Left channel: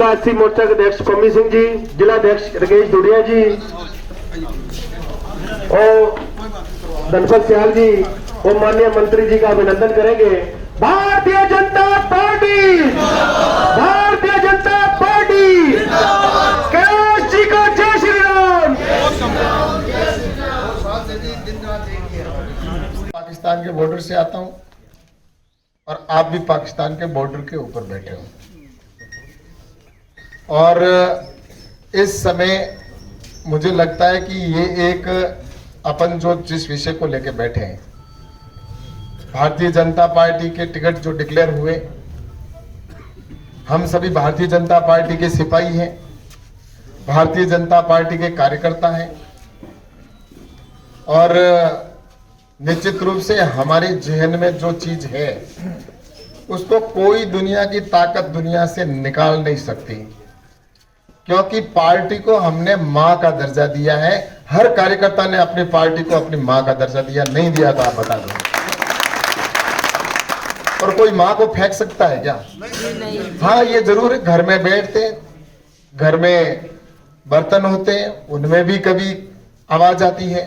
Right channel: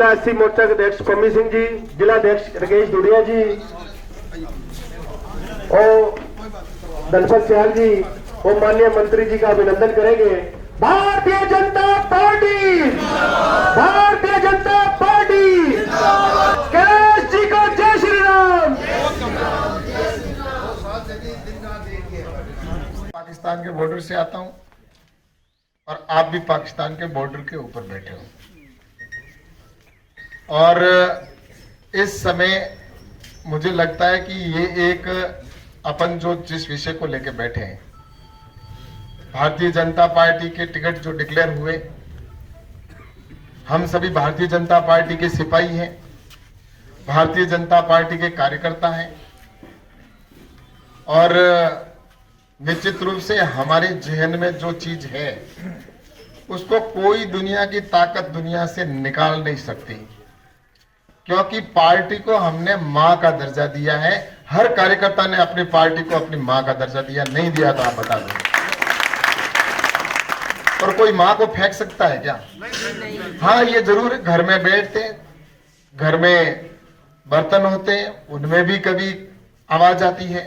राष्ट्रीय मोर्चा के अध्यक्ष पम्मी सिंह जी, जिला अध्यक्ष राकेश दुडिया जी और धनपत सियाल जी और माननीय मंत्री जी का अभिनंदन करेंगे। भारतीय जनता पार्टी, भारतीय जनता पार्टी, कैलाश जी को जय श्री राम। पाकिस्तान के बॉर्डर से आता हूं और आप भी पाकिस्तान के बॉर्डर के ऊपर बैठे हो और इस समय मुझे लगता है कि ये एक अपन जो जिस विषय को लेकर बैठे हैं, भारतीय जनता पार्टी के टिकट जो डिक्लेयर हुए, हम सभी भारतीय जनता पार्टी के सिपाही हैं, भारतीय जनता पार्टी के कार्यकर्ता हैं और निश्चित रूप से हमारे जहन में जो चीज है उसको कोई दुनिया की ताकत दुनिया से निकाल नहीं सकती, क्योंकि पार्टी को हमने मां का दर्जा दिया है। हर कार्यकर्ता ने अपनी पार्टी को अपनी मां का दर्जा दिया, नहीं दिया तो आप बता दो। और कोई मां को फेंक सकता है क्या? हाँ, ये जरूर है, घर में बैठते, घर में बर्तन होते हैं, उनमें भी कभी आवाज आती है,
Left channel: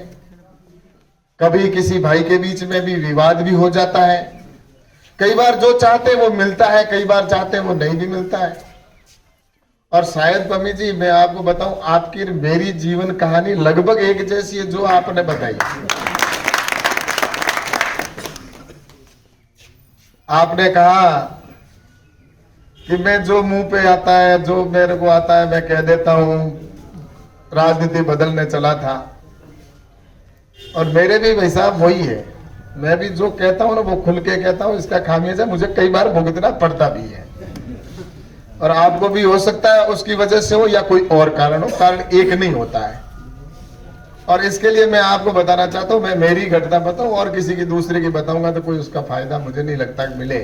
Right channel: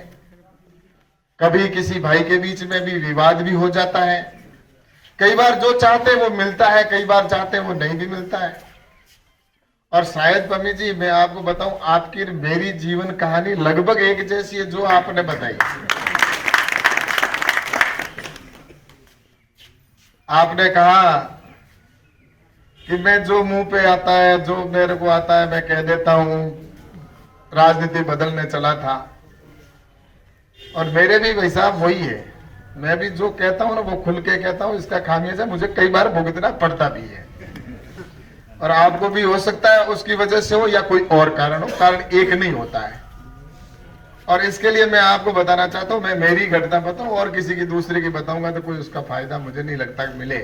कभी किसी भाई के बीच में भी विवाद भी हो जाता है। कई बार जो चाहते हैं वो मिलता है, कई बार चाहते हैं वो नहीं भी मिलता है। और शायद पम्मी जी मैं आपको बताऊं, आपकी मेरी जीवन कहानी लगभग एक जैसी है जो आपने बताई। आपने कहा कि मैं जो मुंह पे आता है, जो मेरे को आता है मैं कह देता हूं, राजनीति बदलने चला था। और मेरे भी भाई साहब वही है, मैं भी जो कहता हूं ना वो खुल के कहता हूं, इसका खामियाजा मुझे कई बार भुगतना पड़ता भी है और आपको भी हो सकता है उसकी वजह से हो या कोई और कारण हो, कारण एक नहीं होता है। और इसके लिए मैं आपको बताना चाहता हूं, मैं मेरी घटना बताऊं और किसी की दूसरे की बताऊंगा तो कोई उसका फायदा मुझे नहीं लगता मिले।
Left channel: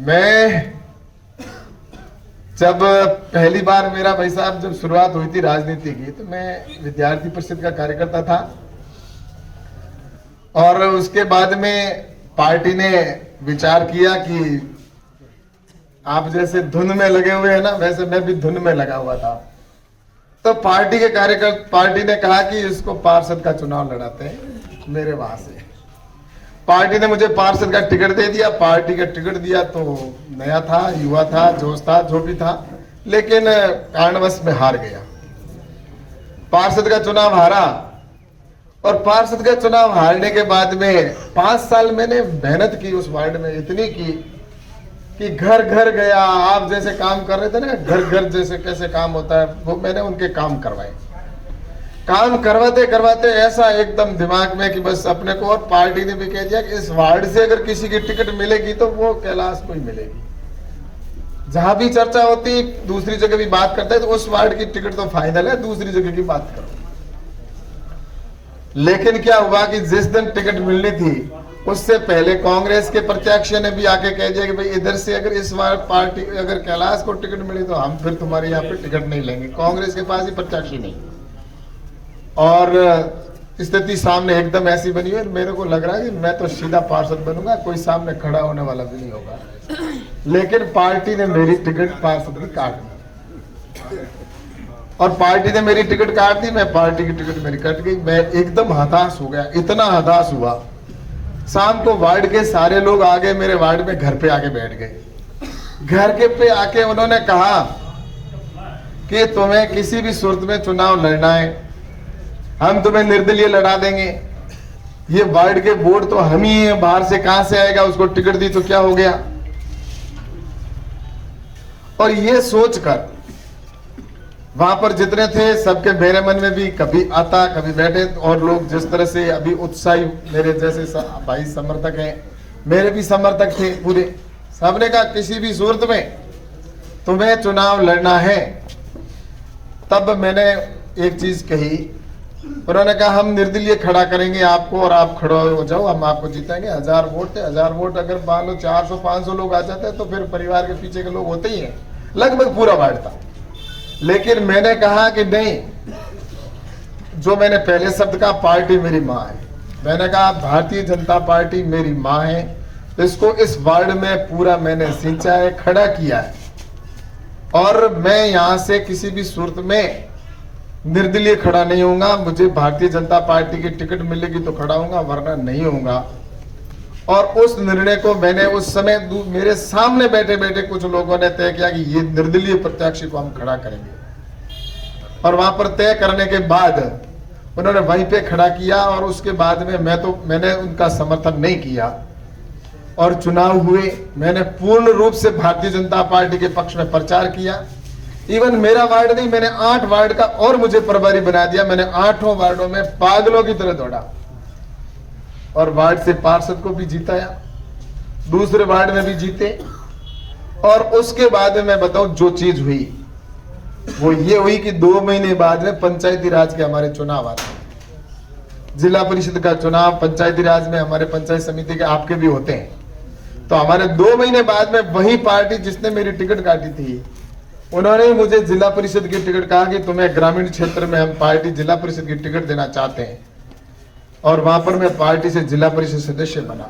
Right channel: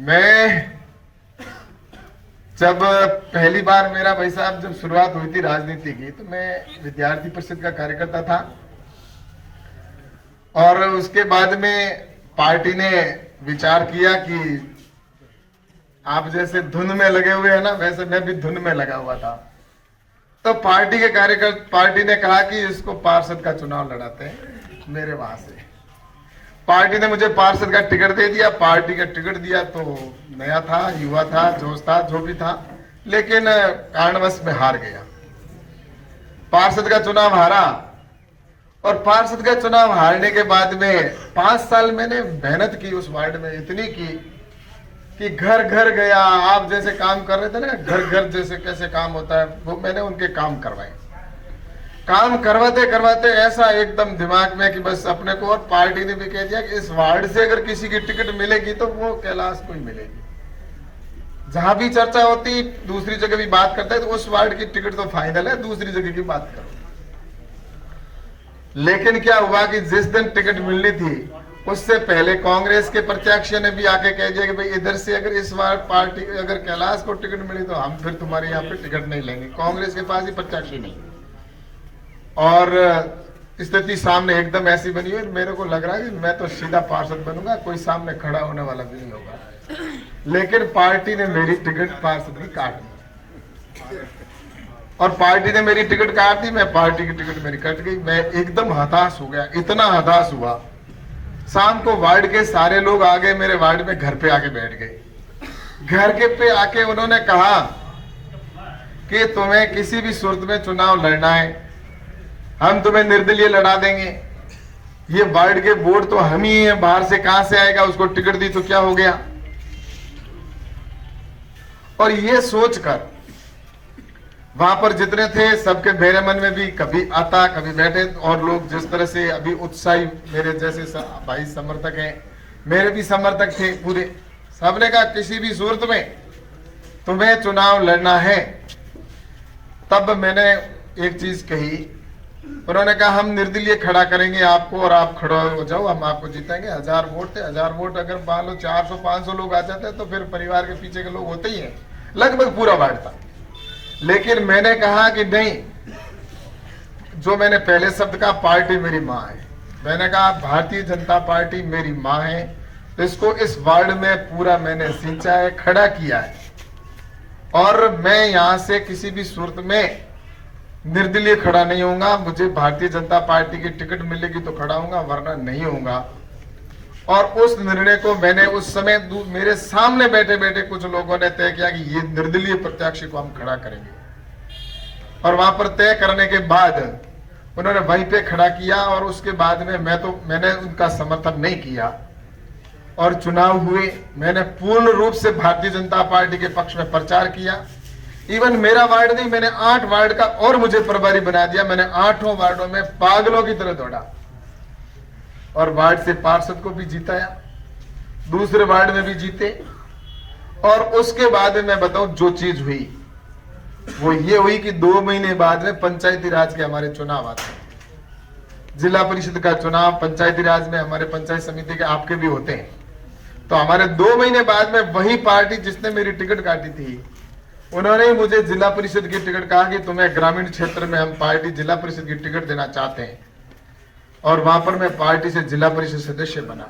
मैं जब पहली बार मेरा भाई साहब जब शुरुआत हुई थी राजनीति की, तो मैं विद्यार्थी परिषद का कार्यकर्ता था और उसके बाद में पार्टी ने विचार किया कि आप जैसे धुन में लगे हुए हैं ना, वैसे मैं भी धुन में लगा हुआ था। तो पार्टी के कार्यकर्ता, पार्टी ने कहा कि इसको पार्षद का चुनाव लड़ाते हैं मेरे वहां से। पार्टी ने मुझे पार्षद का टिकट दे दिया। पार्टी का टिकट दिया तो नया था, युवा था, जोश था, जो भी था, लेकिन कारणवश में हार गया। पार्षद का चुनाव हारा और पार्षद का चुनाव हारने के बाद में 5 साल मैंने मेहनत की उस वार्ड में, इतनी की कि घर घर गया। आप जैसे काम कर रहे थे ना, घर घर जैसे कैसे काम होता है, वो मैंने उनके काम करवाए। काम करवाते करवाते ऐसा एकदम दिमाग में कि बस अपने को, और पार्टी ने भी कह दिया कि इस वार्ड से अगर किसी की टिकट मिलेगी तो वो कैलाश को ही मिलेगी। जहां भी चर्चा होती, दूसरी जगह भी बात करते हैं, तो उस वार्ड की टिकट तो फाइनल है, दूसरी जगह की बात करते। लेकिन क्या हुआ कि जिस दिन टिकट मिलनी थी उससे पहले कांग्रेस के प्रत्याशी ने भी आके कह दिया कि भाई इधर से अगर इस बार पार्टी अगर कैलाश को टिकट मिली तो हम फिर तुम्हारे यहाँ पे टिकट नहीं लेंगे, कांग्रेस के पास ही प्रत्याशी नहीं। और स्थिति सामने एकदम ऐसी बनी है, मेरे को लग रहा है कि मैं तो सीधा पार्षद बनूंगा, कोई सामने खड़ा होने वाला भी नहीं होगा। लेकिन पार्टी ने मेरी टिकट पार्षद की काट दी और पार्टी ने मेरी टिकट काट दी, मैं पार्टी की टिकट मेरी कट गई। मैं एकदम हताश हो गया, इतना हताश हुआ। शाम को वार्ड के सारे लोग आ गए मेरे वार्ड में, घर पे आके बैठ गए। घर के पे आके उन्होंने कहा कि तुम्हें किसी भी सूरत में चुनाव लड़ना है, हम तुम्हें निर्दलीय लड़ा देंगे। ये वार्ड के वोट तो हम ही हैं, बाहर से कहां से आएगा, उसको टिकट दी तो क्या हो गया। और ये सोचकर वहां पर जितने थे सबके मेरे मन में भी कभी आता कभी बैठे, और लोग जिस तरह से अभी उत्साही मेरे जैसे भाई समर्थक हैं, मेरे भी समर्थक थे पूरे, सबने कहा किसी भी सूरत में तुम्हें चुनाव लड़ना है। तब मैंने एक चीज कही, उन्होंने कहा हम निर्दलीय खड़ा करेंगे आपको और आप खड़े हो जाओ, हम आपको जीतेंगे। 1000 वोट थे, 1000 वोट अगर मान लो 400-500 लोग आ जाते हैं तो फिर परिवार के पीछे के लोग होते ही हैं, लगभग पूरा वार्ड था। लेकिन मैंने कहा कि नहीं, जो मैंने पहले शब्द कहा, पार्टी मेरी माँ है। मैंने कहा भारतीय जनता पार्टी मेरी माँ है, इसको इस वार्ड में पूरा मैंने सिंचा है, खड़ा किया है। और मैं यहां से किसी भी सूरत में निर्दलीय खड़ा नहीं होऊंगा। मुझे भारतीय जनता पार्टी की टिकट मिलेगी तो खड़ा होऊंगा, वरना नहीं होऊंगा। और उस निर्णय को मैंने उस समय मेरे सामने बैठे बैठे कुछ लोगों ने तय किया कि ये निर्दलीय प्रत्याशी को हम खड़ा करेंगे, और वहां पर तय करने के बाद उन्होंने वहीं पे खड़ा किया। और उसके बाद में मैंने उनका समर्थन नहीं किया और चुनाव हुए। मैंने पूर्ण रूप से भारतीय जनता पार्टी के पक्ष में प्रचार किया। इवन मेरा वार्ड नहीं, मैंने 8 वार्ड का और मुझे प्रभारी बना दिया। मैंने 8 वार्डों में पागलों की तरह दौड़ा और वार्ड से पार्षद को भी जिताया, दूसरे वार्ड में भी जीते। और उसके बाद में मैं बताऊं जो चीज हुई वो ये हुई कि 2 महीने बाद में पंचायती राज के हमारे चुनाव आते हैं। जिला परिषद का चुनाव पंचायती राज में हमारे पंचायत समिति के आपके भी होते हैं। तो हमारे 2 महीने बाद में वही पार्टी जिसने मेरी टिकट काटी थी, उन्होंने ही मुझे जिला परिषद की टिकट कहा कि तुम्हें ग्रामीण क्षेत्र में हम पार्टी जिला परिषद की टिकट देना चाहते हैं। और वहां पर मैं पार्टी से जिला परिषद सदस्य बना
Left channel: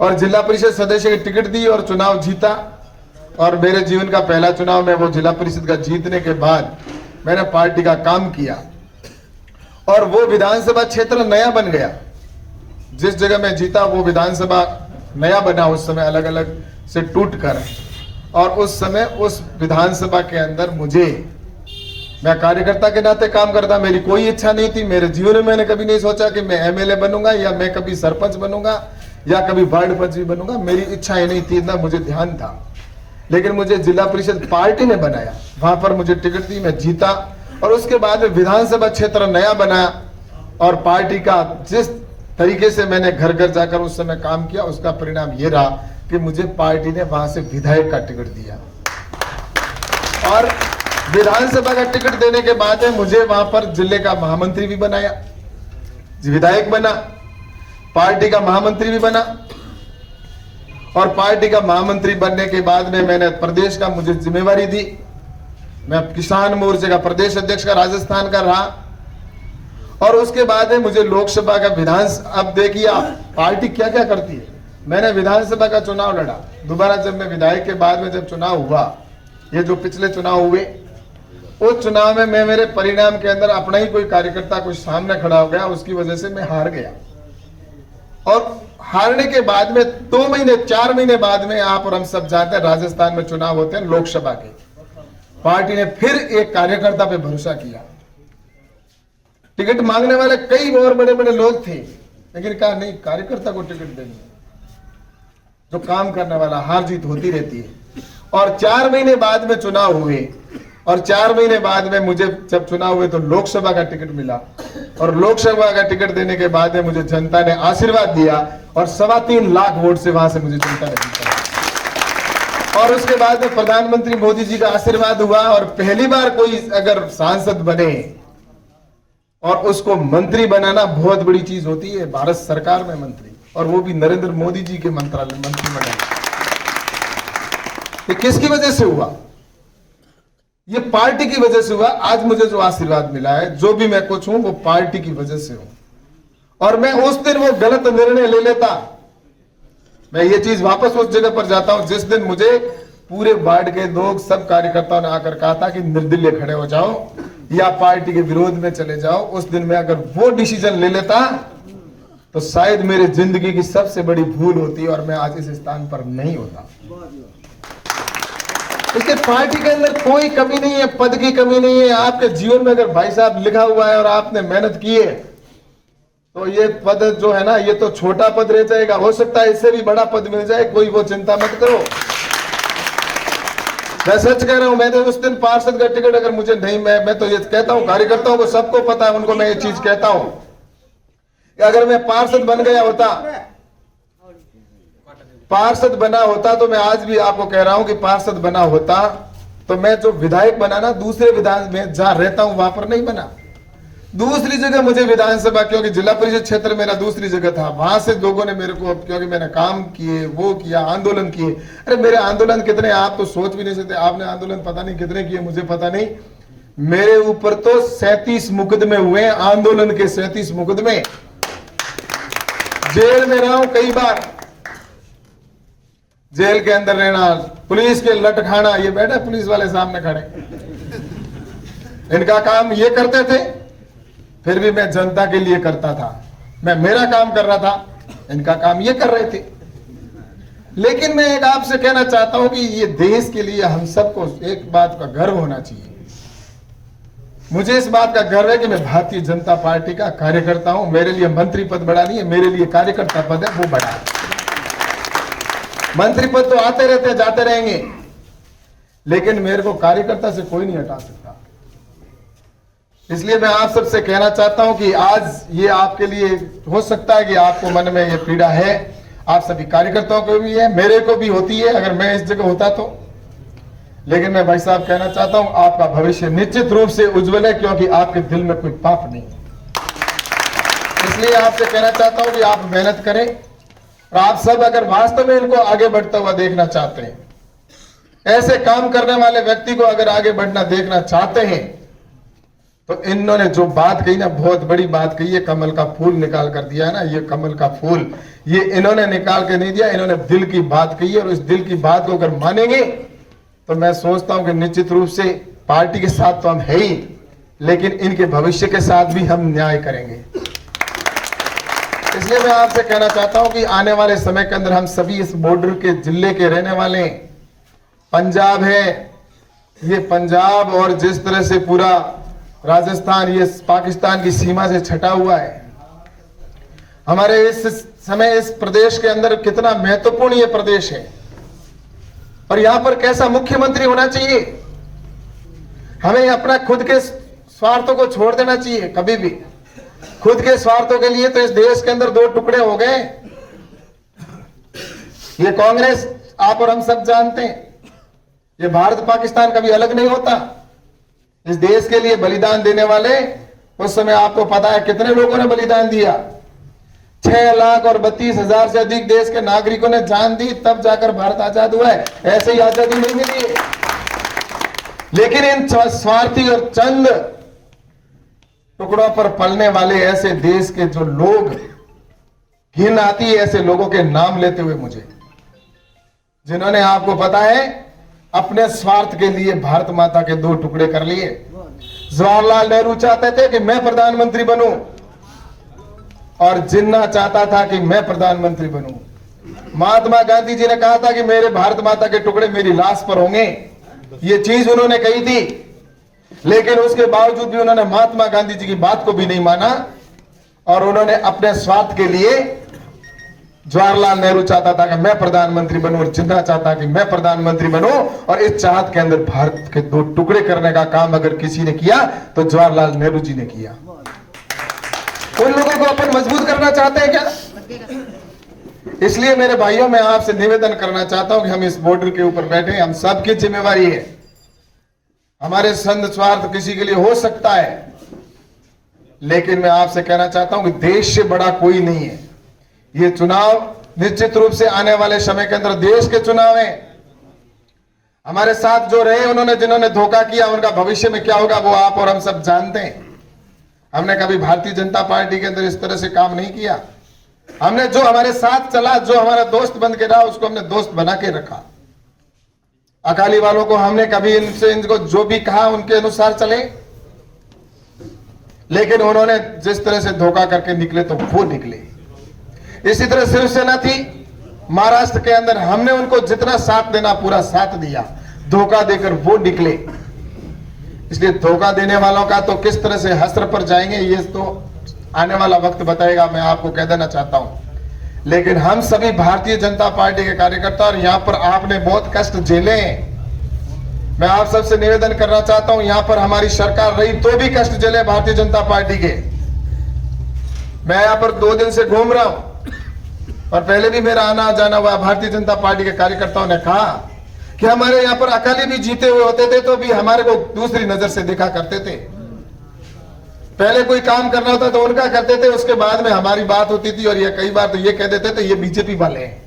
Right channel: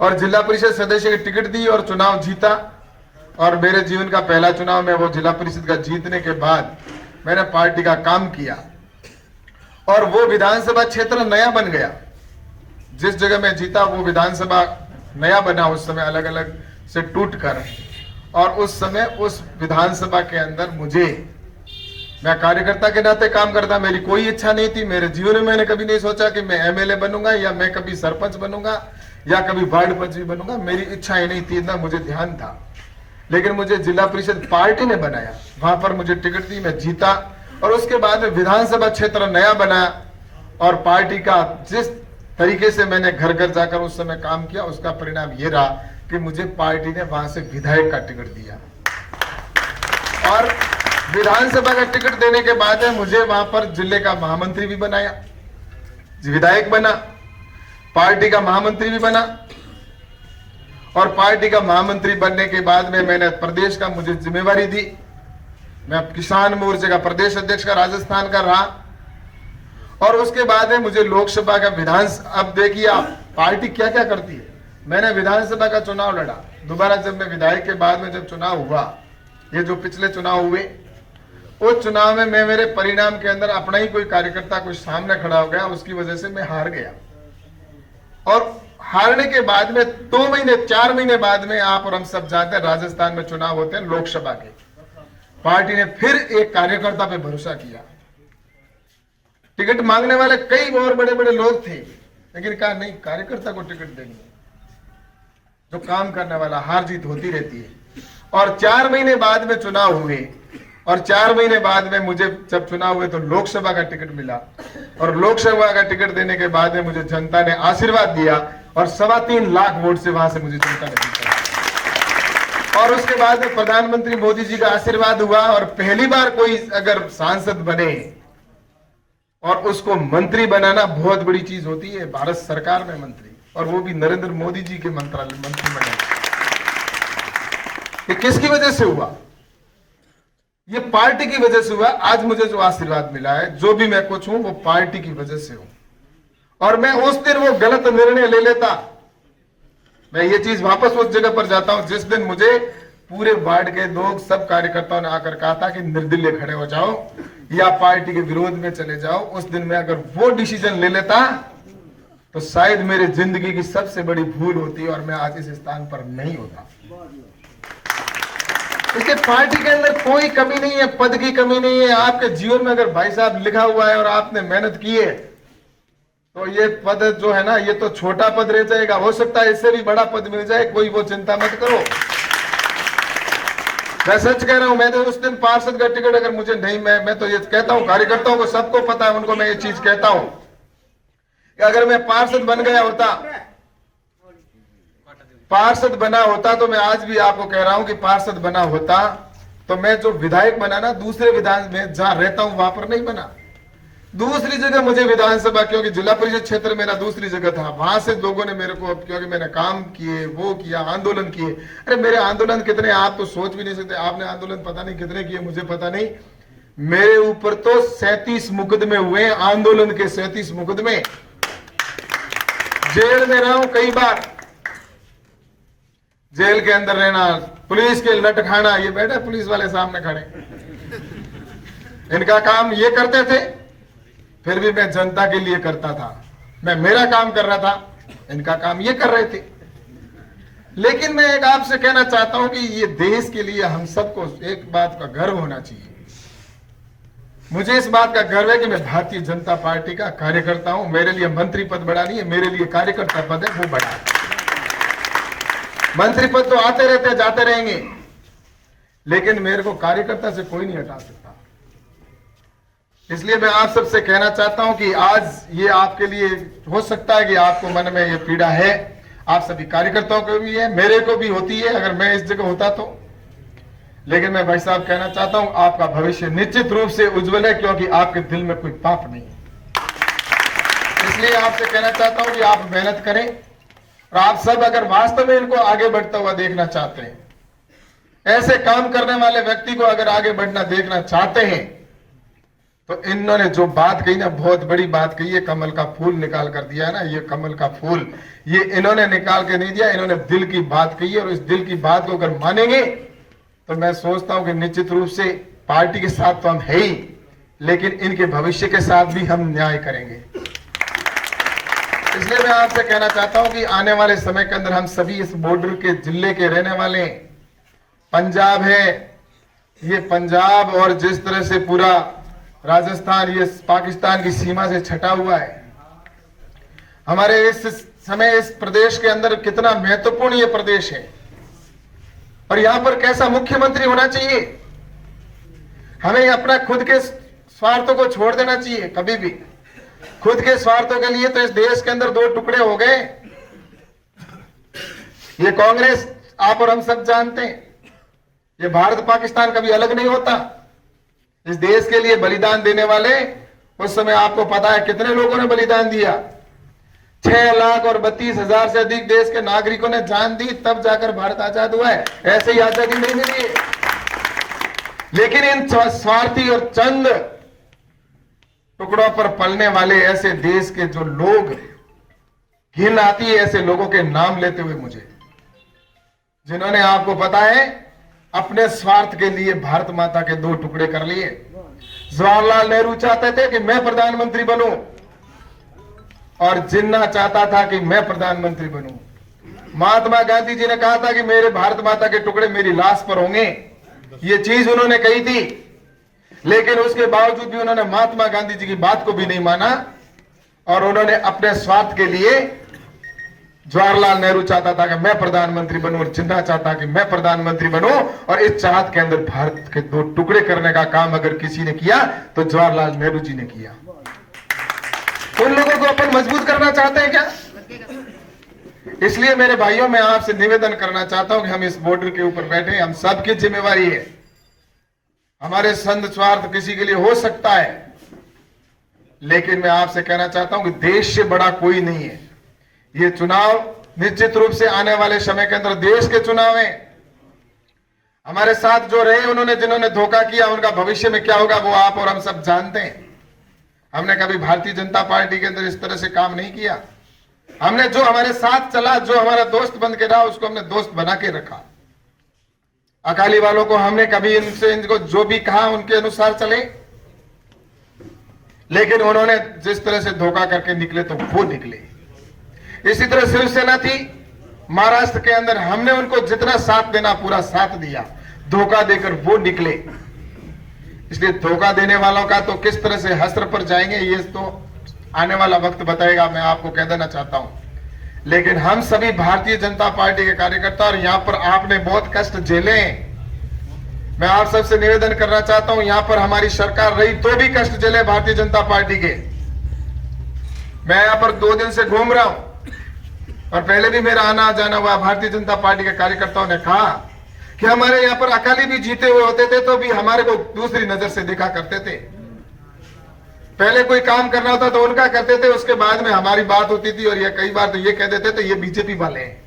और जिला परिषद सदस्य की टिकट दी और चुनाव जीता। और मेरे जीवन का पहला चुनाव में वो जिला परिषद का जीतने के बाद मैंने पार्टी का काम किया और वो विधानसभा क्षेत्र नया बन गया। जिस जगह मैं जीता वो विधानसभा नया बना उस समय, अलग अलग से टूट कर। और उस समय उस विधानसभा के अंदर मैं कार्यकर्ता के नाते काम करता। मेरी कोई इच्छा नहीं थी, मेरे जीवन में मैंने कभी नहीं सोचा कि मैं एमएलए बनूंगा या मैं कभी सरपंच बनूंगा या कभी वार्ड पंच भी बनूंगा। मेरी इच्छा ही नहीं थी, ना मुझे ध्यान था। लेकिन मुझे जिला परिषद पार्टी ने बनाया, वहां पर मुझे टिकट दी, मैं जीता। और उसके बाद में विधानसभा क्षेत्र नया बना और पार्टी का जिस तरीके से मैंने घर घर जाकर उस समय काम किया, उसका परिणाम ये रहा कि मुझे पार्टी ने वहां से विधायक का टिकट दिया। और विधानसभा का टिकट देने के बाद मुझे वहां पर जिले का महामंत्री भी बनाया, विधायक बना, पार्टी का महामंत्री भी बना। और पार्टी का महामंत्री बनने के बाद में मैंने प्रदेश का मुझे जिम्मेवारी दी। मैं किसान मोर्चे का प्रदेश अध्यक्ष का राजस्थान का रहा। और उसके बाद में मुझे लोकसभा का अब देखिए आप पार्टी क्या क्या करती है। मैंने विधानसभा का चुनाव लड़ा, दोबारा जब मैं विधायक के बाद में जब चुनाव हुआ, ये जो पिछले चुनाव हुए, उस चुनाव में मैं मेरे परिणाम के अंदर अपना ही कोई कार्यकर्ता कुछ सामने खड़ा हो गया, उसकी वजह से मैं हार गया। और हारने के बाद में 2 महीने 4 महीने बाद में आप और हम सब जानते हैं राजस्थान में चुनाव होते हैं लोकसभा के। पार्टी ने फिर एक कार्यकर्ता पे भरोसा किया। टिकट मांगने वाले कई और बड़े बड़े लोग थे, लेकिन कहा नहीं, कार्यकर्ता को टिकट देंगे, जो काम करने वाला। हार जीत होती रहती है। और 4 महीने बाद में चुनाव हुए और 4 महीने बाद में मुझे जब चुनाव हुए तो लोकसभा का टिकट मिला। और लोकसभा का टिकट देने के बाद में मुझे जनता ने आशीर्वाद दिया और 3.25 लाख वोट से वहां से मुझे जनता ने जीता। और उसके बाद में प्रधानमंत्री मोदी जी का आशीर्वाद हुआ। और पहली बार कोई अगर सांसद बने और उसको मंत्री बनाना बहुत बड़ी चीज होती है, भारत सरकार में मंत्री, और वो भी नरेंद्र मोदी जी के मंत्री बने। ये किसकी वजह से हुआ? ये पार्टी की वजह से हुआ। आज मुझे जो आशीर्वाद मिला है, जो भी मैं कुछ हूं, वो पार्टी की वजह से हूं। और मैं उस दिन वो गलत निर्णय ले लेता, मैं ये चीज वापस उस जगह पर जाता हूं जिस दिन मुझे पूरे वार्ड के लोग, सब कार्यकर्ताओं ने आकर कहा था कि निर्दलीय खड़े हो जाओ या पार्टी के विरोध में चले जाओ। उस दिन मैं अगर वो डिसीजन ले लेता तो शायद मेरी जिंदगी की सबसे बड़ी भूल होती और मैं आज इस स्थान पर नहीं होता। इसके पार्टी के अंदर कोई कमी नहीं है, पद की कमी नहीं है। आपके जीवन में अगर भाई साहब लिखा हुआ है और आपने मेहनत की है तो ये पद जो है ना, ये तो छोटा पद रह जाएगा, हो सकता है इससे भी बड़ा पद मिल जाए, कोई वो चिंता मत करो। मैं सच कह रहा हूं, मैं तो उस दिन पार्षद का टिकट अगर मुझे नहीं, मैं तो ये कहता हूं, कार्यकर्ताओं को सबको पता है, उनको मैं ये चीज कहता हूं कि अगर मैं पार्षद बन गया होता, पार्षद बना होता, तो मैं आज भी आपको कह रहा हूं कि पार्षद बना होता तो मैं जो विधायक बना ना, दूसरे विधान में जहां रहता हूं वहां पर नहीं बना, दूसरी जगह मुझे विधानसभा, क्योंकि जिला परिषद क्षेत्र मेरा दूसरी जगह था, वहां से लोगों ने मेरे को, क्योंकि मैंने काम किए, वो किया, आंदोलन किए। अरे मेरे आंदोलन कितने आप तो सोच भी नहीं सकते। आपने आंदोलन पता नहीं कितने किए, मुझे पता नहीं। मेरे ऊपर तो 37 मुकदमे हुए, आंदोलन के 37 मुकदमे, जेल में रहा हूं कई बार। जेल के अंदर रहना, पुलिस के लट खाना, ये बैठे पुलिस वाले सामने खड़े, इनका काम ये करते थे, फिर भी मैं जनता के लिए करता था, मैं मेरा काम कर रहा था, इनका काम ये कर रहे थे। लेकिन मैं एक आपसे कहना चाहता हूं कि ये देश के लिए हम सबको एक बात का गर्व होना चाहिए। मुझे इस बात का गर्व है कि मैं भारतीय जनता पार्टी का कार्यकर्ता हूं। मेरे लिए मंत्री पद बड़ा नहीं है, मेरे लिए कार्यकर्ता पद है, वो बड़ा है। मंत्री पद तो आते रहते जाते रहेंगे, लेकिन मेरे को कार्यकर्ता से कोई नहीं हटा सकता। इसलिए मैं आप सबसे कहना चाहता हूं कि आज ये आपके लिए हो सकता है कि आपको मन में ये पीड़ा है, आप सभी कार्यकर्ताओं को भी है, मेरे को भी होती है अगर मैं इस जगह होता तो। लेकिन मैं भाई साहब कहना चाहता हूं आपका भविष्य निश्चित रूप से उज्जवल है, क्योंकि आपके दिल में कोई पाप नहीं है। इसलिए आपसे कहना चाहता हूं कि आप मेहनत करें, और आप सब अगर वास्तव में इनको आगे बढ़ता हुआ देखना चाहते हैं, ऐसे काम करने वाले व्यक्ति को अगर आगे बढ़ना देखना चाहते हैं, तो इन्होंने जो बात कही ना, बहुत बड़ी बात कही है। कमल का फूल निकाल कर दिया है ना, ये कमल का फूल ये इन्होंने निकाल के नहीं दिया, इन्होंने दिल की बात कही है। और इस दिल की बात को अगर मानेंगे तो मैं सोचता हूं कि निश्चित रूप से पार्टी के साथ तो हम है ही, लेकिन इनके भविष्य के साथ भी हम न्याय करेंगे। इसलिए मैं आपसे कहना चाहता हूं कि आने वाले समय के अंदर हम सभी इस बॉर्डर के जिले के रहने वाले हैं। पंजाब है, ये पंजाब और जिस तरह से पूरा राजस्थान ये पाकिस्तान की सीमा से छटा हुआ है, हमारे इस समय इस प्रदेश के अंदर कितना महत्वपूर्ण ये प्रदेश है, और यहां पर कैसा मुख्यमंत्री होना चाहिए। हमें अपना खुद के स्वार्थों को छोड़ देना चाहिए। कभी भी खुद के स्वार्थों के लिए तो इस देश के अंदर दो टुकड़े हो गए। ये कांग्रेस आप और हम सब जानते हैं, ये भारत पाकिस्तान कभी अलग नहीं होता। इस देश के लिए बलिदान देने वाले उस समय आपको पता है कितने लोगों ने बलिदान दिया। 6,32,000 से अधिक देश के नागरिकों ने जान दी, तब जाकर भारत आजाद हुआ है। ऐसे ही आजादी नहीं मिली है। लेकिन इन स्वार्थी और चंद टुकड़ों पर पलने वाले ऐसे देश के जो लोग, घिन आती है ऐसे लोगों के नाम लेते हुए मुझे, जिन्होंने आपको पता है अपने स्वार्थ के लिए भारत माता के दो टुकड़े कर लिए। जवाहरलाल नेहरू चाहते थे कि मैं प्रधानमंत्री बनूं, और जिन्ना चाहता था कि मैं प्रधानमंत्री बनूं। महात्मा गांधी जी ने कहा था कि मेरे भारत माता के टुकड़े मेरी लाश पर होंगे, ये चीज उन्होंने कही थी। लेकिन उसके बावजूद भी उन्होंने महात्मा गांधी जी की बात को भी नहीं माना, और उन्होंने अपने स्वार्थ के लिए, जवाहरलाल नेहरू चाहता था कि मैं प्रधानमंत्री बनूं, और जिन्ना चाहता कि मैं प्रधानमंत्री बनूं, और इस चाहत के अंदर भारत के दो टुकड़े करने का काम अगर किसी ने किया तो जवाहरलाल नेहरू जी ने किया। उन लोगों को अपन मजबूत करना चाहते हैं क्या? इसलिए मेरे भाइयों, मैं आपसे निवेदन करना चाहता हूं कि हम इस बॉर्डर के ऊपर बैठे, हम सबकी जिम्मेवारी है। हमारे संद स्वार्थ किसी के लिए हो सकता है, लेकिन मैं आपसे कहना चाहता हूं कि देश से बड़ा कोई नहीं है। ये चुनाव निश्चित रूप से आने वाले समय के अंदर देश के चुनाव है। हमारे साथ जो रहे, उन्होंने जिन्होंने धोखा किया, उनका भविष्य में क्या होगा वो आप और हम सब जानते हैं। हमने कभी भारतीय जनता पार्टी के अंदर इस तरह से काम नहीं किया। हमने जो हमारे साथ चला, जो हमारा दोस्त बन के रहा, उसको हमने दोस्त बना के रखा। अकाली वालों को हमने कभी इनको जो भी कहा उनके अनुसार चले, लेकिन उन्होंने जिस तरह से धोखा करके निकले तो वो निकले। इसी तरह शिवसेना थी महाराष्ट्र के अंदर, हमने उनको जितना साथ देना पूरा साथ दिया, धोखा देकर वो निकले। इसलिए धोखा देने वालों का तो किस तरह से हश्र पर जाएंगे ये तो आने वाला वक्त बताएगा, मैं आपको कह देना चाहता हूं। लेकिन हम सभी भारतीय जनता पार्टी के कार्यकर्ता, और यहां पर आपने बहुत कष्ट झेले हैं। मैं आप सबसे निवेदन करना चाहता हूं, यहां पर हमारी सरकार रही तो भी कष्ट झेले भारतीय जनता पार्टी के। मैं यहां पर 2 दिन से घूम रहा हूं, और पहले भी मेरा आना जाना हुआ। भारतीय जनता पार्टी के कार्यकर्ताओं ने कहा कि हमारे यहाँ पर अकाली भी जीते हुए होते थे तो भी हमारे को दूसरी नजर से देखा करते थे। पहले कोई काम करना होता तो उनका करते थे, उसके बाद में हमारी बात होती थी, और ये कई बार तो ये कह देते थे ये बीजेपी वाले हैं।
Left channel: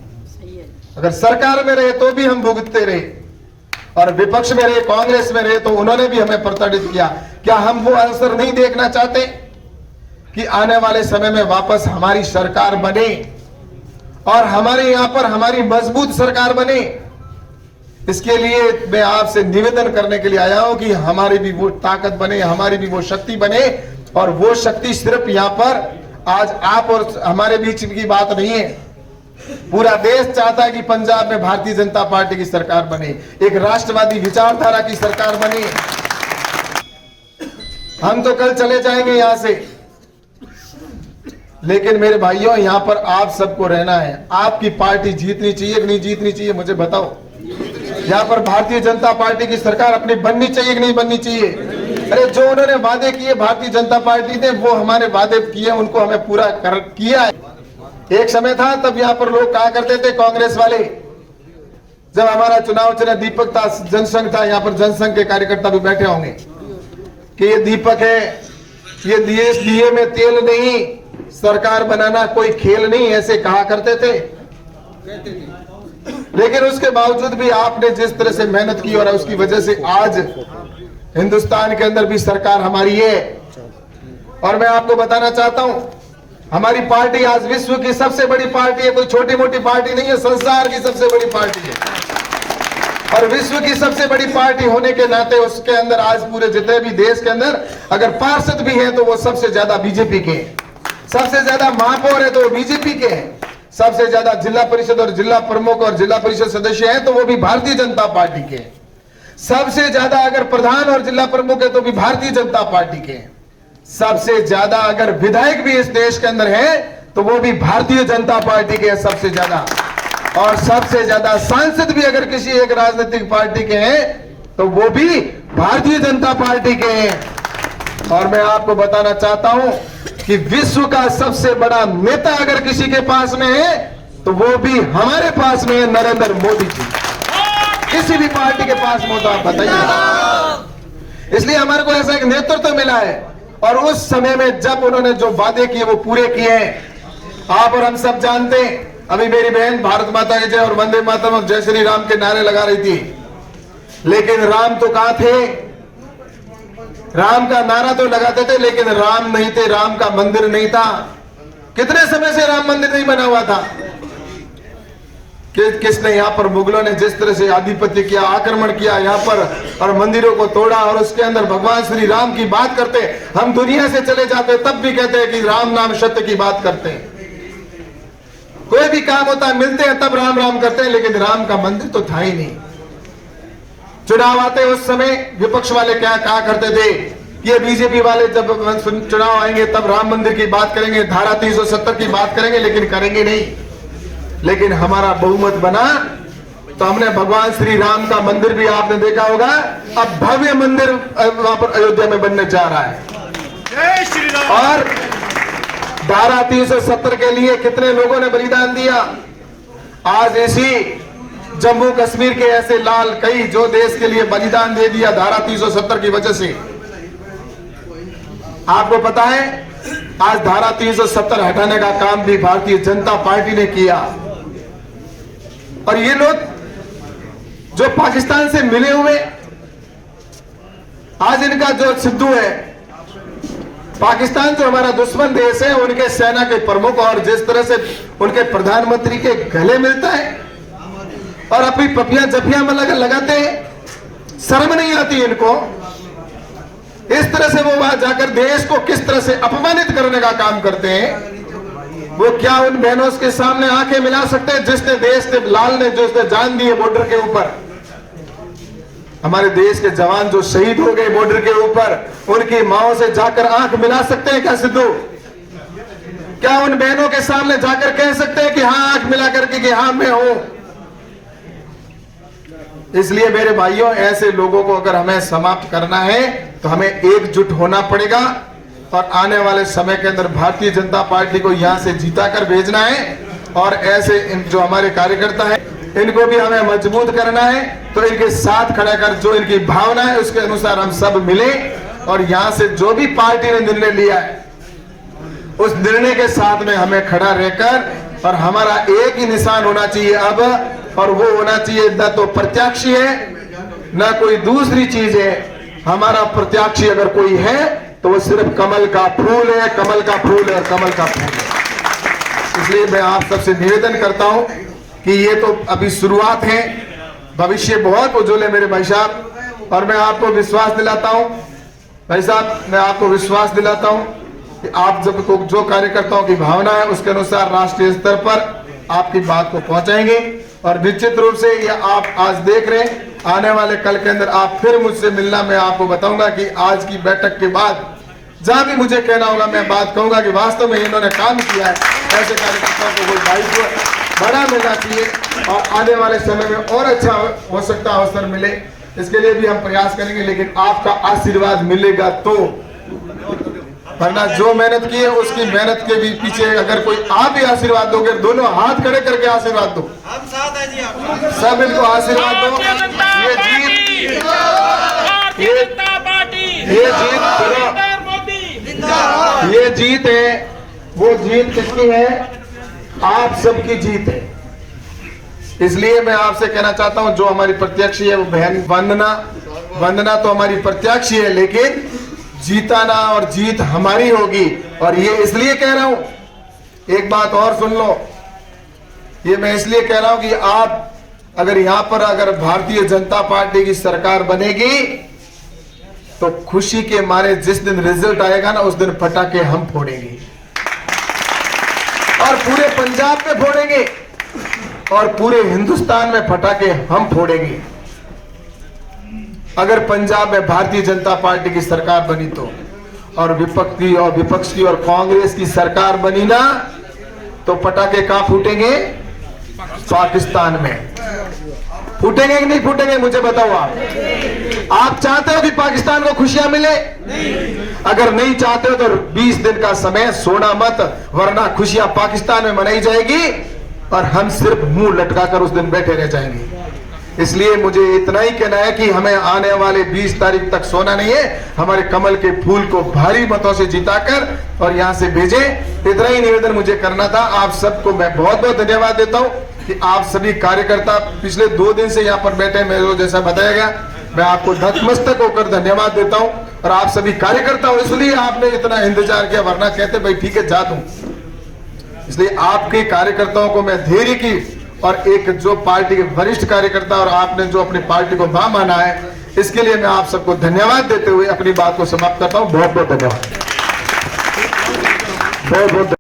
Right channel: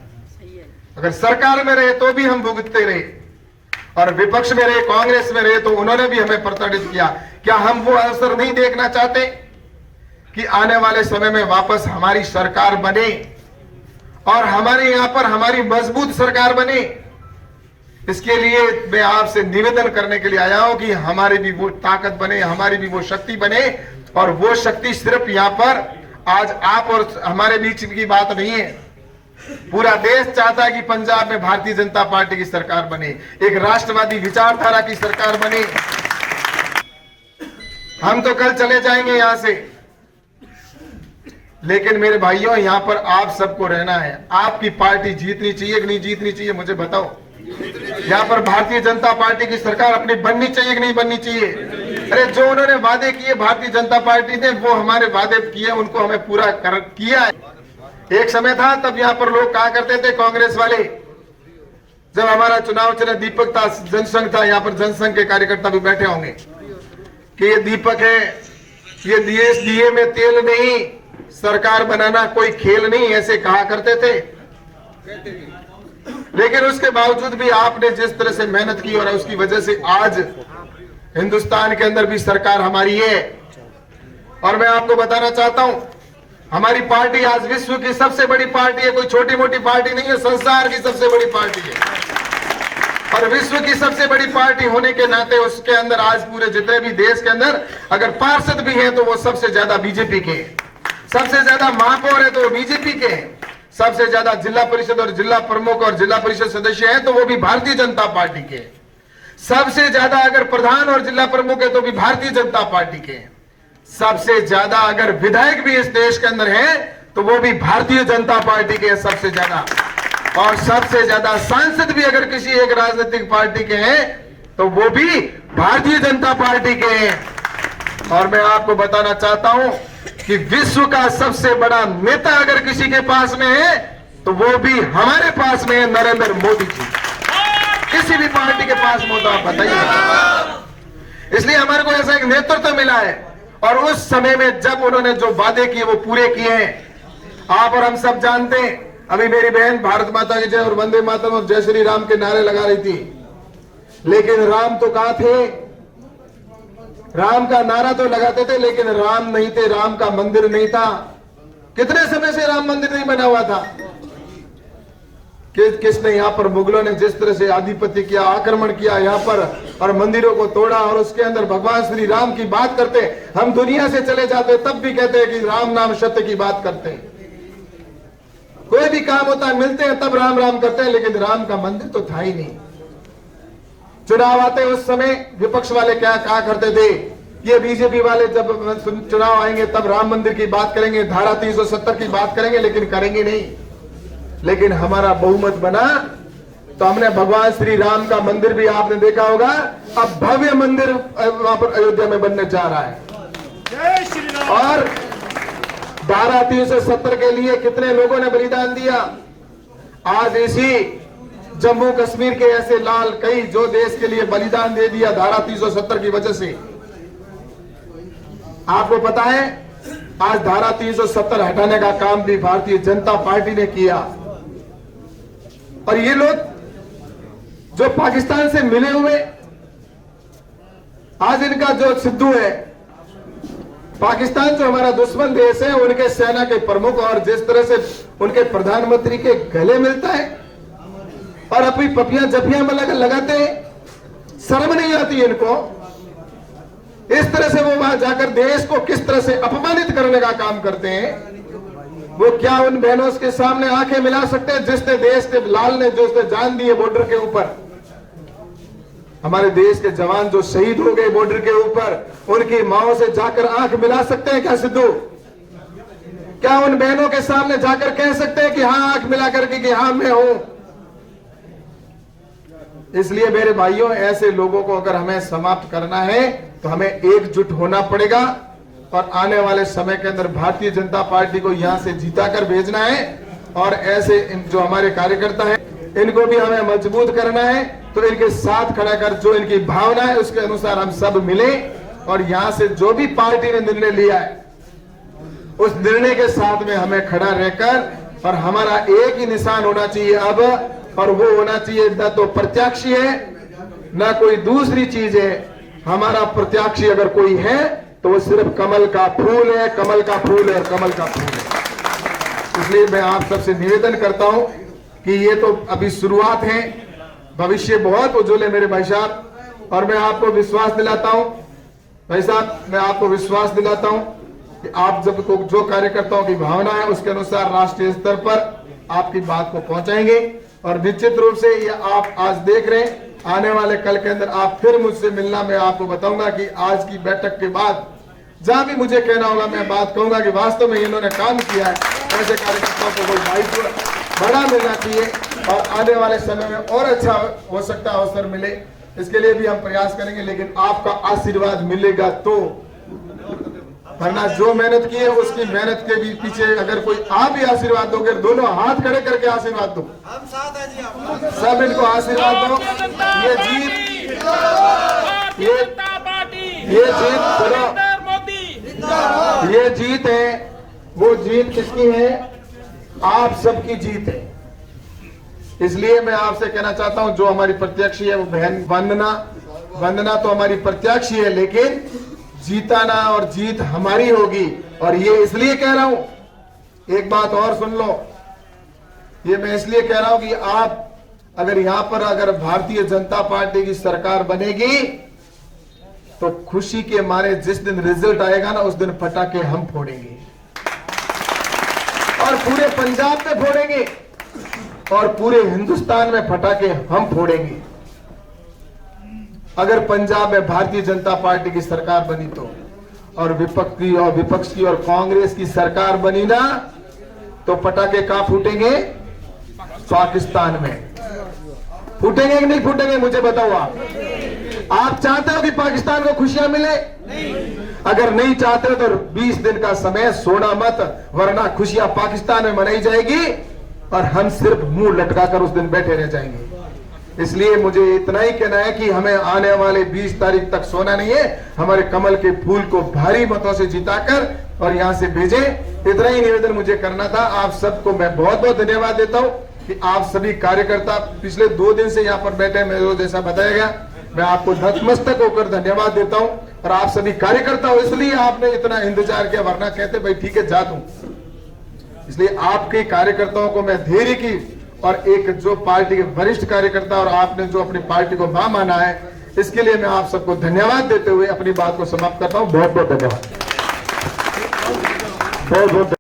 अगर सरकार में रहे तो भी हम भुगतते रहे, और विपक्ष में रहे, कांग्रेस में रहे, तो उन्होंने भी हमें प्रताड़ित किया। क्या हम वो अवसर नहीं देखना चाहते कि आने वाले समय में वापस हमारी सरकार बने और हमारे यहां पर हमारी मजबूत सरकार बने, इसके लिए मैं आपसे निवेदन करने के लिए आया हूं कि हमारी भी वो ताकत बने, हमारी भी वो शक्ति बने। और वो शक्ति सिर्फ यहां पर आज आप और हमारे बीच की बात नहीं है, पूरा देश चाहता है कि पंजाब में भारतीय जनता पार्टी की सरकार बने, एक राष्ट्रवादी विचारधारा की सरकार बने। हम तो कल चले जाएंगे यहां से, लेकिन मेरे भाइयों यहां पर आप सबको रहना है। आपकी पार्टी जीतनी चाहिए कि नहीं जीतनी चाहिए, मुझे बताओ। यहां पर भारतीय जनता पार्टी की सरकार अपनी बननी चाहिए कि नहीं बननी चाहिए? अरे जो उन्होंने वादे किए भारतीय जनता पार्टी ने, वो हमारे वादे किए, उनको हमें पूरा किया है। एक समय था तब यहां पर लोग कहा करते थे, कांग्रेस वाले, जब हमारा चुनाव चला, दीपक था, जनसंघ था, यहां पर जनसंघ के कार्यकर्ता भी बैठे होंगे कि ये दीपक है, ये दिए में तेल नहीं, सरकार बनाना कोई खेल नहीं, ऐसे कहा करते थे। लेकिन उसके बावजूद भी आपने जिस तरह से मेहनत की और उसकी वजह से आज हिंदुस्तान के अंदर भी सरकार हमारी है। और मैं आपको बताना चाहता हूं, हमारी पार्टी आज विश्व की सबसे बड़ी पार्टी है, कोई छोटी मोटी पार्टी नहीं है, संसार की सबसे बड़ी पार्टी है। और विश्व की सबसे बड़ी पार्टी होने के नाते उसके अंदर आज पूरे जितने भी देश के अंदर अगर पार्षद भी हैं तो वो सबसे ज्यादा बीजेपी के हैं, सबसे ज्यादा महापौर है तो वो बीजेपी के हैं, सबसे ज्यादा जिला परिषद और जिला प्रमुख और जिला परिषद सदस्य हैं तो वो भी भारतीय जनता पार्टी के हैं, सबसे ज्यादा अगर प्रधान और जिला प्रमुख है तो भी भारतीय जनता पार्टी के हैं, सबसे ज्यादा अगर विधायक भी इस देश के अंदर हैं तो वो भी भारतीय जनता पार्टी के हैं सबसे ज्यादा, और सबसे ज्यादा सांसद भी अगर किसी एक राजनीतिक पार्टी के हैं तो वो भी भारतीय जनता पार्टी के हैं। और मैं आपको बताना चाहता हूं कि विश्व का सबसे बड़ा नेता अगर किसी के पास में है तो वो भी हमारे पास में है, नरेंद्र मोदी जी। किसी भी पार्टी के पास में तो आप बताइए। इसलिए हमारे को ऐसा एक नेतृत्व मिला है और उस समय में जब उन्होंने जो वादे किए वो पूरे किए हैं। आप और हम सब जानते हैं, अभी मेरी बहन भारत माता की जय और वंदे मातरम और जय श्री राम के नारे लगा रही थी, लेकिन राम तो कहां थे? राम का नारा तो लगाते थे लेकिन राम नहीं थे, राम का मंदिर नहीं था। कितने समय से राम मंदिर नहीं बना हुआ था? किसने यहाँ पर, मुगलों ने जिस तरह से आधिपत्य किया, आक्रमण किया यहाँ पर और मंदिरों को तोड़ा, और उसके अंदर भगवान श्री राम की बात करते, हम दुनिया से चले जाते तब भी कहते हैं कि राम नाम सत्य की बात करते हैं। कोई भी काम होता है मिलते हैं तब राम राम करते हैं, लेकिन राम का मंदिर तो था ही नहीं। चुनाव आते उस समय विपक्ष वाले क्या कहा करते थे, ये बीजेपी वाले जब चुनाव आएंगे तब राम मंदिर की बात करेंगे, धारा 370 की बात करेंगे, लेकिन करेंगे नहीं। लेकिन हमारा बहुमत बना तो हमने भगवान श्री राम का मंदिर भी आपने देखा होगा, अब भव्य मंदिर वहां पर अयोध्या में बनने जा रहा है। जय श्री राम। और धारा 370 के लिए कितने लोगों ने बलिदान दिया। आज इसी जम्मू कश्मीर के ऐसे लाल कई जो देश के लिए बलिदान दे दिया धारा 370 की वजह से। आपको पता है आज धारा 370 हटाने का काम भी भारतीय जनता पार्टी ने किया। और ये लोग जो पाकिस्तान से मिले हुए, आज इनका जो सिद्धू है, पाकिस्तान जो हमारा दुश्मन देश है, उनके सेना के प्रमुख और जिस तरह से उनके प्रधानमंत्री के गले मिलता है और अपनी पपियां जपियां में लगाते हैं, शर्म नहीं आती इनको। इस तरह से वो वहां जाकर देश को किस तरह से अपमानित करने का काम करते हैं। वो क्या उन बहनों के सामने आंखें मिला सकते हैं जिसने देश के लाल ने जो उसने जान दी है बॉर्डर के ऊपर, हमारे देश के जवान जो शहीद हो गए बॉर्डर के ऊपर, उनकी माओ से जाकर आंख मिला सकते हैं क्या सिद्धू? क्या उन बहनों के सामने जाकर कह सकते हैं कि हाँ आंख मिला करके कि हाँ मैं हूं? इसलिए मेरे भाइयों, ऐसे लोगों को अगर हमें समाप्त करना है तो हमें एकजुट होना पड़ेगा और आने वाले समय के अंदर भारतीय जनता पार्टी को यहां से जीता कर भेजना है। और ऐसे जो हमारे कार्यकर्ता हैं इनको भी हमें मजबूत करना है, तो इनके साथ खड़ा कर जो इनकी भावना है उसके अनुसार हम सब मिले और यहां से जो भी पार्टी ने निर्णय लिया है उस निर्णय के साथ में हमें खड़ा रहकर, और हमारा एक ही निशान होना चाहिए अब, और वो होना चाहिए न तो प्रत्याशी है न कोई दूसरी चीज है। हमारा प्रत्याशी अगर कोई है तो वो सिर्फ कमल का फूल है, कमल का फूल है, कमल का फूल है। इसलिए मैं आप सबसे निवेदन करता हूं कि ये तो अभी शुरुआत है, भविष्य बहुत उज्जवल है मेरे भाई साहब। और मैं आपको विश्वास दिलाता हूं भाई साहब, मैं आपको विश्वास दिलाता हूं कि आप जब को जो कार्यकर्ताओं की भावना है उसके अनुसार राष्ट्रीय स्तर पर आपकी बात को पहुंचाएंगे। और निश्चित रूप से ये आप आज देख रहे हैं, आने वाले कल के अंदर आप फिर मुझसे मिलना, मैं आपको बताऊंगा कि आज की बैठक के बाद जहां भी मुझे कहना होगा मैं बात कहूंगा कि वास्तव में इन्होंने काम किया है। ऐसे कार्यकर्ताओं को कोई दायित्व बड़ा मिलना चाहिए और आने वाले समय में और अच्छा हो सकता अवसर मिले, इसके लिए भी हम प्रयास करेंगे। लेकिन आपका आशीर्वाद मिलेगा तो, वरना जो मेहनत की है उसकी मेहनत के भी पीछे अगर कोई आप भी आशीर्वाद दोगे, दोनों हाथ खड़े करके आशीर्वाद दो, सब इनको आशीर्वाद दो। ये जीत ये जीत है, वो जीत किसकी है? आप सबकी जीत है। इसलिए मैं आपसे कहना चाहता हूं, जो हमारी प्रत्याशी है वो बहन वंदना तो हमारी प्रत्याशी है, लेकिन जीताना और जीत हमारी होगी। और ये इसलिए कह रहा हूं, एक बात और सुन लो, ये मैं इसलिए कह रहा हूं कि आप अगर यहां पर अगर भारतीय जनता पार्टी की सरकार बनेगी तो खुशी के मारे जिस दिन रिजल्ट आएगा ना, उस दिन पटाखे हम फोड़ेंगे और पूरे पंजाब में फोड़ेंगे और पूरे हिंदुस्तान में पटाखे हम फोड़ेंगे। अगर पंजाब में भारतीय जनता पार्टी की सरकार बनी तो, और विपक्ष की और कांग्रेस की सरकार बनी ना, तो पटाखे कहां फूटेंगे? पाकिस्तान में फूटेंगे कि नहीं फूटेंगे? मुझे बताओ। आप चाहते हो कि पाकिस्तान को खुशियां मिले? अगर नहीं चाहते हो तो 20 दिन का समय सोना मत, वरना खुशियां पाकिस्तान में मनाई जाएगी और हम सिर्फ मुंह लटकाकर उस दिन बैठे रह जाएंगे। इसलिए मुझे इतना ही कहना है कि हमें आने वाले 20 तारीख तक सोना नहीं है, हमारे कमल के फूल को भारी मतों से जिताकर और यहां से भेजें। इतना ही निवेदन मुझे करना था। आप सबको मैं बहुत बहुत धन्यवाद देता हूं कि आप सभी कार्यकर्ता पिछले 2 दिन से यहां पर बैठे, मेरे जैसा बताया गया, मैं आपको नतमस्तक होकर धन्यवाद देता हूं। और आप सभी कार्यकर्ता हो, इसलिए आपने इतना इंतजार किया, वरना कहते भाई ठीक है जा दूं। इसलिए आपके कार्यकर्ताओं को मैं धैर्य की और एक जो पार्टी के वरिष्ठ कार्यकर्ता और आपने जो अपनी पार्टी को मां माना है, इसके लिए मैं आप सबको धन्यवाद देते हुए अपनी बात को समाप्त करता हूं। बहुत बहुत धन्यवाद। बहुत बहुत